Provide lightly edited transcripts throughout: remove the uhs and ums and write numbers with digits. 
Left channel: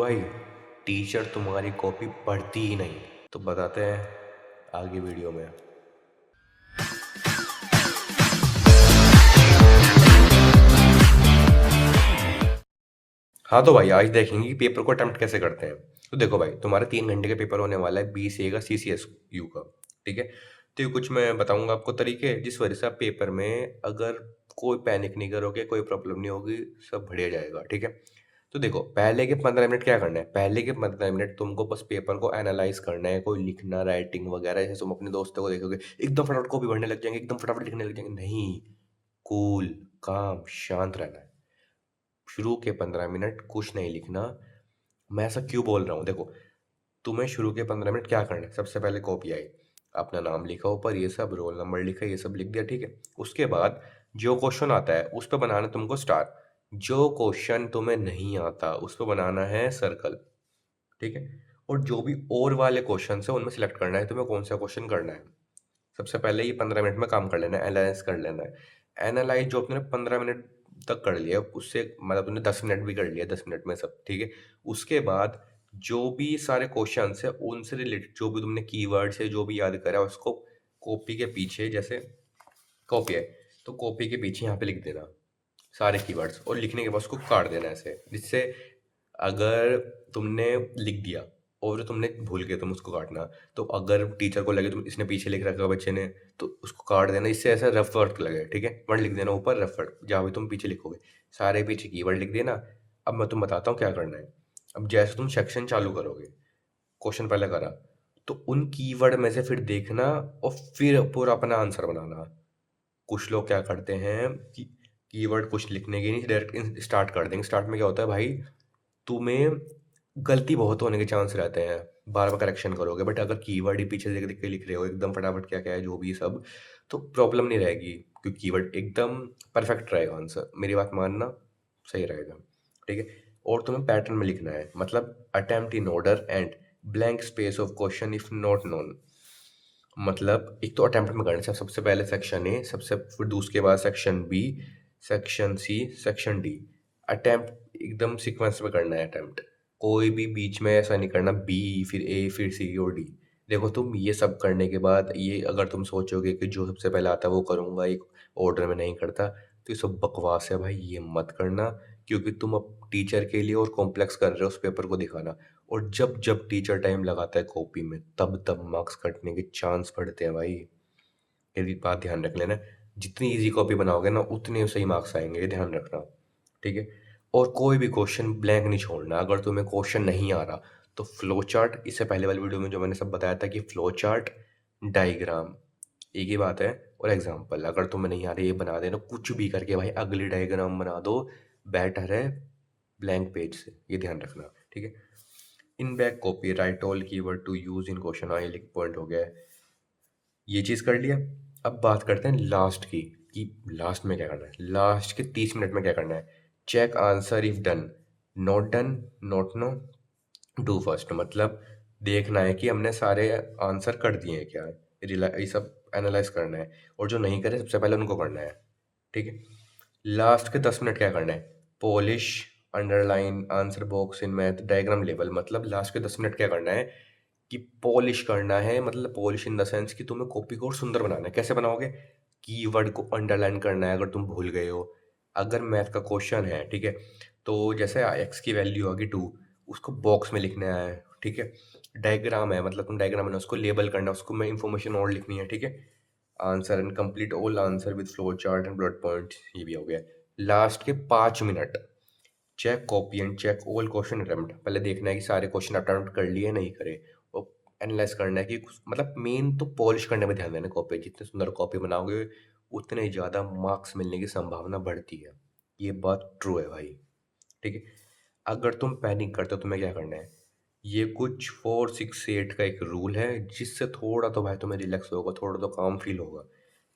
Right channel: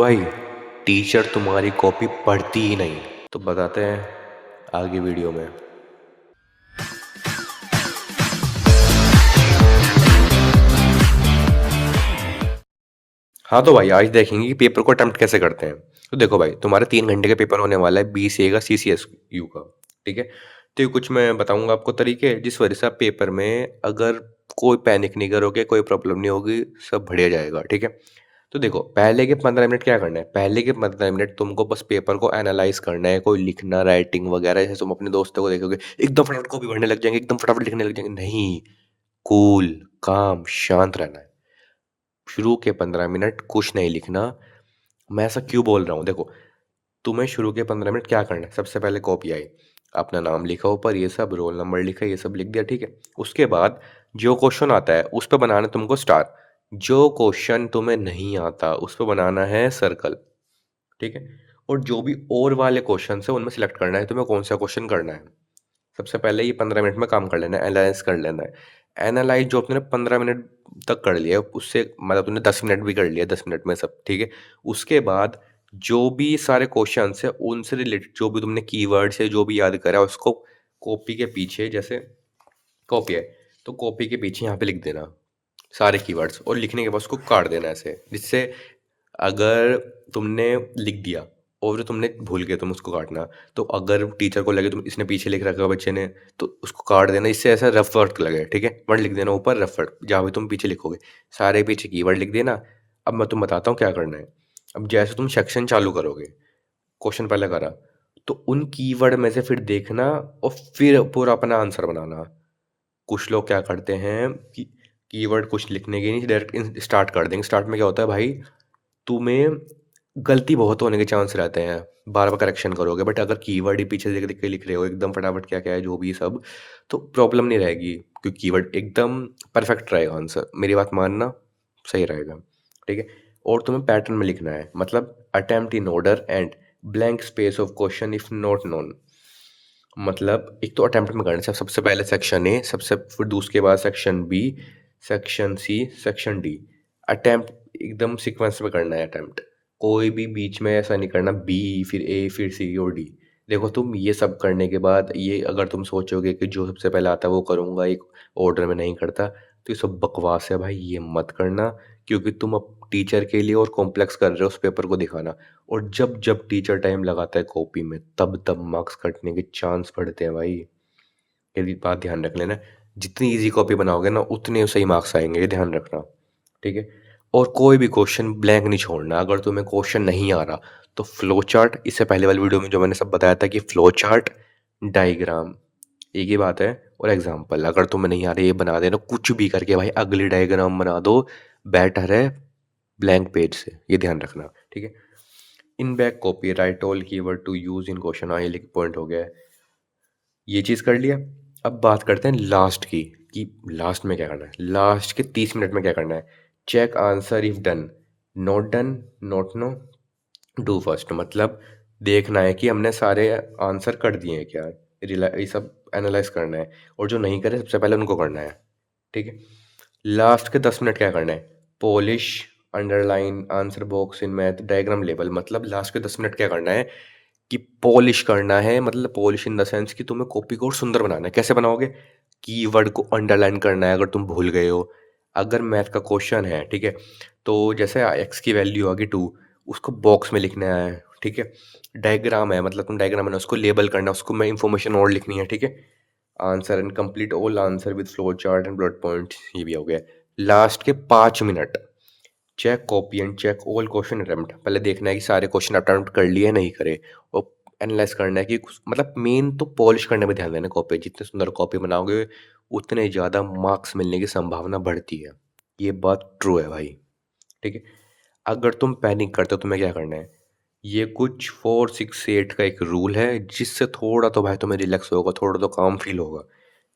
भाई, टीचर तुम्हारी कॉपी पढ़ती ही नहीं। तो बताते हैं आगे वीडियो में। हाँ तो भाई, आज देखेंगे कि पेपर को अटेम्प्ट कैसे करते हैं। तो देखो भाई, तुम्हारे 3 घंटे का पेपर होने वाला है, BCA का, CCSU का। ठीक है। तो ये कुछ मैं बताऊंगा आपको तरीके, जिस वजह से आप पेपर में अगर कोई पैनिक नहीं करोगे, कोई प्रॉब्लम नहीं होगी, सब बढ़िया जाएगा। ठीक है। तो देखो, पहले के 15 मिनट क्या करना है। पहले के 15 मिनट तुमको बस पेपर को एनालाइज करना है, कोई लिखना, राइटिंग वगैरह। जैसे तुम अपने दोस्तों को देखोगे, एकदम फटाफट कॉपी भरने लग जाएंगे, एकदम फटाफट लिखने लग जाएंगे। नहीं, कूल, काम, शांत रहना है। शुरू के 15 मिनट कुछ नहीं लिखना। मैं ऐसा क्यों बोल रहा हूँ, देखो, तुम्हें शुरू के 15 मिनट क्या करना है। सबसे पहले कॉपी आई, अपना नाम लिखा ऊपर, ये सब रोल नंबर लिखा, ये सब लिख दिया। ठीक है। उसके बाद जो क्वेश्चन आता है उस पर बनाना है तुमको स्टार। जो क्वेश्चन तुम्हें नहीं आता उस पर बनाना है सर्कल। ठीक है। और जो भी और वाले क्वेश्चन है उनमें सेलेक्ट करना है तुम्हें कौन सा क्वेश्चन करना है। सबसे पहले ये 15 मिनट में काम कर लेना है, एनालाइज कर लेना है। एनालाइज जो तुमने 15 मिनट तक कर लिया, उससे मतलब तुमने 10 मिनट भी कर लिया, 10 मिनट में सब ठीक है। उसके बाद जो भी सारे क्वेश्चन है उनसे रिलेटेड जो भी तुमने कीवर्ड्स है जो भी याद करा उसको कॉपी के पीछे, जैसे कॉपी है तो कॉपी के पीछे यहाँ पे लिख देना सारे कीवर्ड्स, और लिखने के बाद उसको काट देना ऐसे, जिससे अगर तुमने लिख दिया और जो तुमने भूल गए तुम उसको काटना, तो अगर टीचर को लगे तुम इसने पीछे लिख रखा है बच्चे ने, तो उसको काट देना, इससे ऐसा रफ वर्क लगे। ठीक है। वर्ड लिख देना ऊपर, रफ वर्ड जहाँ भी तुम पीछे लिखोगे सारे पीछे कीवर्ड लिख देना। अब मैं तुम बताता हूँ क्या करना है। अब जैसे तुम सेक्शन चालू करोगे, क्वेश्चन पहले करा, तो उन कीवर्ड में से फिर देखना और फिर पूरा अपना आंसर बनाना। कुछ लोग क्या करते हैं कि कीवर्ड कुछ लिखने के नहीं, डायरेक्ट स्टार्ट कर देंगे। स्टार्ट में क्या होता है भाई, तुम्हें गलती बहुत होने के चांस रहते हैं, बार बार करेक्शन करोगे। बट अगर कीवर्ड ही पीछे देख देख के लिख रहे हो एकदम फटाफट, क्या क्या है जो भी सब, तो प्रॉब्लम नहीं रहेगी, क्योंकि कीवर्ड एकदम परफेक्ट रहेगा। आंसर मेरी बात मानना, सही रहेगा। ठीक है। और तुम्हें पैटर्न में लिखना है, मतलब attempt in order and blank space of question if not known. मतलब एक तो अटेम्प्ट में करना है, सबसे पहले सेक्शन ए, सबसे फिर दूसरे बाद section B, section C, section D. Attempt एकदम सीक्वेंस में करना है अटेम्प्ट। कोई भी बीच में ऐसा नहीं करना, बी फिर ए फिर सी और डी। देखो, तुम ये सब करने के बाद ये अगर तुम सोचोगे कि जो सबसे पहले आता है वो करूँगा, एक ऑर्डर में नहीं करता, तो ये सब बकवास है भाई, ये मत करना। क्योंकि तुम अब टीचर के लिए और कॉम्प्लेक्स कर रहे हो उस पेपर को दिखाना। और जब जब टीचर टाइम लगाता है कॉपी में, तब तब मार्क्स कटने के चांस बढ़ते हैं भाई। ये भी बात ध्यान रख लेना। जितनी इजी कॉपी बनाओगे ना उतने सही मार्क्स आएंगे, ये ध्यान रखना। ठीक है। और कोई भी क्वेश्चन ब्लैंक नहीं छोड़ना। अगर तुम्हें क्वेश्चन नहीं आ रहा तो फ्लो चार्ट, इससे पहले वाली वीडियो में जो मैंने सब बताया था कि फ्लो चार्ट, डायग्राम, एक ही बात है। और एग्जाम्पल, अगर तुम्हें नहीं आ रहा ये बना देना कुछ भी करके भाई, अगली डायग्राम बना दो, बेटर है ब्लैंक पेज से, ये ध्यान रखना। ठीक है। In back copy write all keyword to use in question, हाँ ये लिख पॉइंट हो गया है। ये चीज़ कर लिया। अब बात करते हैं लास्ट की, कि लास्ट में क्या करना है। लास्ट के 30 मिनट में क्या करना है। Check answer if done, not done, not know, do first. मतलब देखना है कि हमने सारे आंसर कर दिए हैं क्या, ये सब एनालाइज करना है। और जो नहीं करे सबसे पहले उनको करना है। ठीक है। लास्ट के 10 मिनट क्या करना है। Polish, underline, answer box in math, diagram level. मतलब लास्ट के 10 मिनट क्या करना है कि पॉलिश करना है। मतलब पॉलिश इन द सेंस कि तुम्हें कॉपी को और सुंदर बनाना है। कैसे बनाओगे, कीवर्ड को अंडरलाइन करना है अगर तुम भूल गए हो। अगर मैथ का क्वेश्चन है, ठीक है, तो जैसे एक्स की वैल्यू आ गई 2, उसको बॉक्स में लिखना है। ठीक है। डायग्राम है, मतलब तुम डायग्राम है उसको लेबल करना है, उसको में इंफॉर्मेशन और लिखनी है। ठीक है। Answer and complete all answer with flow chart and bullet point, ये भी हो गया। लास्ट के 5 minute, check copy and check all question attempt. पहले देखना है कि सारे क्वेश्चन अटेम्प्ट कर लिए नहीं करे, और एनालाइज करना है कि मतलब मेन तो पॉलिश करने में ध्यान देना। कॉपी जितने सुंदर कॉपी बनाओगे उतने ज़्यादा मार्क्स मिलने की संभावना बढ़ती है। ये बात ट्रू है भाई। ठीक है। अगर तुम पैनिक करते हो तुम्हें क्या करना है। ये कुछ 4 6 8 का एक रूल है, जिससे थोड़ा तो भाई तुम्हें रिलैक्स होगा, थोड़ा तो काम फील होगा।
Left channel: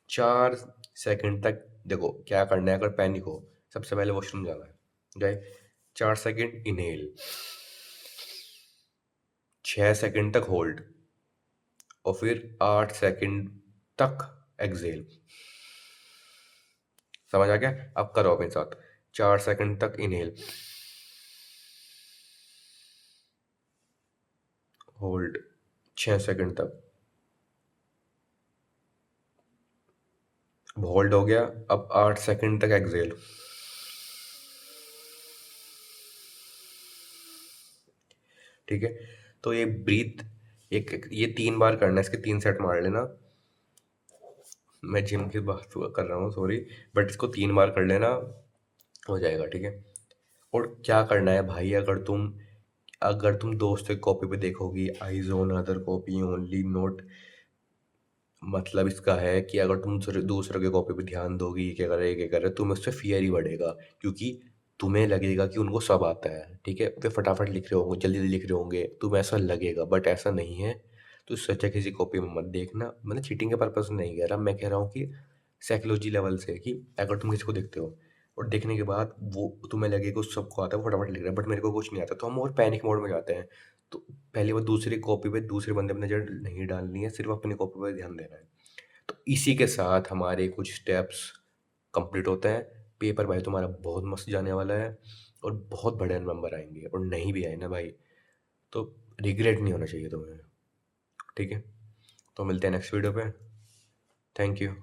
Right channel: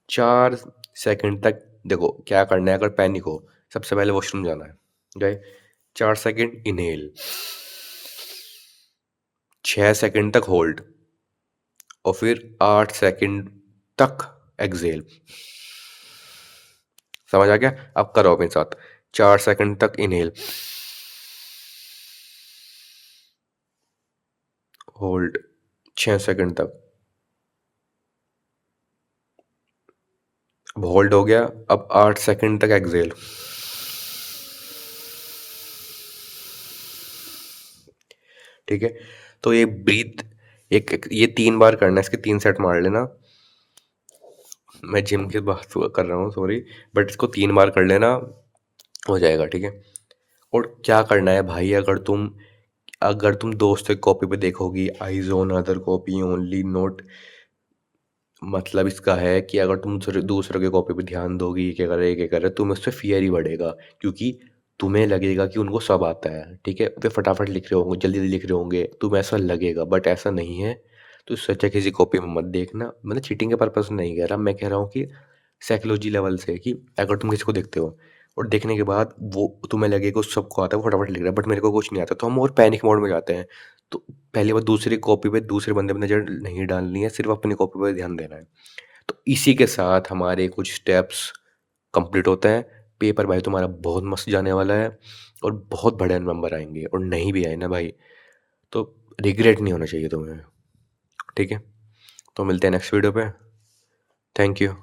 4 सेकंड तक देखो क्या करना है। अगर पैनिक हो, सबसे पहले वॉशरूम जाना है, गए, 4 सेकंड इनहेल, 6 सेकंड तक होल्ड, और फिर 8 सेकंड तक एक्सेल। समझ आ गया। अब करो अपने साथ, 4 सेकंड तक इनहेल, होल्ड 6 सेकंड तक। अब होल्ड हो गया, अब 8 सेकंड तक एक्सहेल। ठीक है, तो ये ब्रीथ ये 3 बार करना है, इसके 3 सेट मार लेना। मैं जिम की बात कर रहा हूँ, सॉरी, बट इसको 3 बार कर लेना, हो जाएगा, ठीक है। और क्या करना है भाई, अगर तुम दोस्तों की कॉपी पे देखोगी, eyes on other copy only, note, मतलब इसका है कि अगर तुम दूसरों के कॉपी पे ध्यान दोगी, क्या कर रहे क्या कर रहे, तुम्हें उससे फियर ही बढ़ेगा, क्योंकि तुम्हें लगेगा कि उनको सब आता है, ठीक है, वे फटाफट लिख रहे होंगे, जल्दी जल्दी लिख रहे होंगे, तुम्हें ऐसा लगेगा, बट ऐसा नहीं है। तो सच है, किसी कॉपी में मत देखना, मैंने चीटिंग के पर्पज से नहीं कह रहा, मैं कह रहा हूँ कि साइकोलॉजी लेवल से, कि अगर तुम किसी को देखते हो और देखने के बाद वो तुम्हें लगेगा उस सबको आता है, वो फटाफट लिख रहा है, बट मेरे को कुछ नहीं आता, तो हम और पैनिक मोड में जाते हैं। तो पहली बार दूसरी कॉपी पे दूसरे बंदे पे नज़र नहीं डालनी है, सिर्फ अपनी कॉपी पे ध्यान देना है। तो इसी के साथ हमारे कुछ स्टेप्स कंप्लीट होते हैं। पेपर भाई तुम्हारा बहुत मस्त जाने वाला है, और बहुत बढ़िया नंबर आएंगे, और नहीं भी आए ना भाई, तो रिग्रेट नहीं होना चाहिए तुम्हें, ठीक है। तो मिलते हैं नेक्स्ट वीडियो पे। Thank you.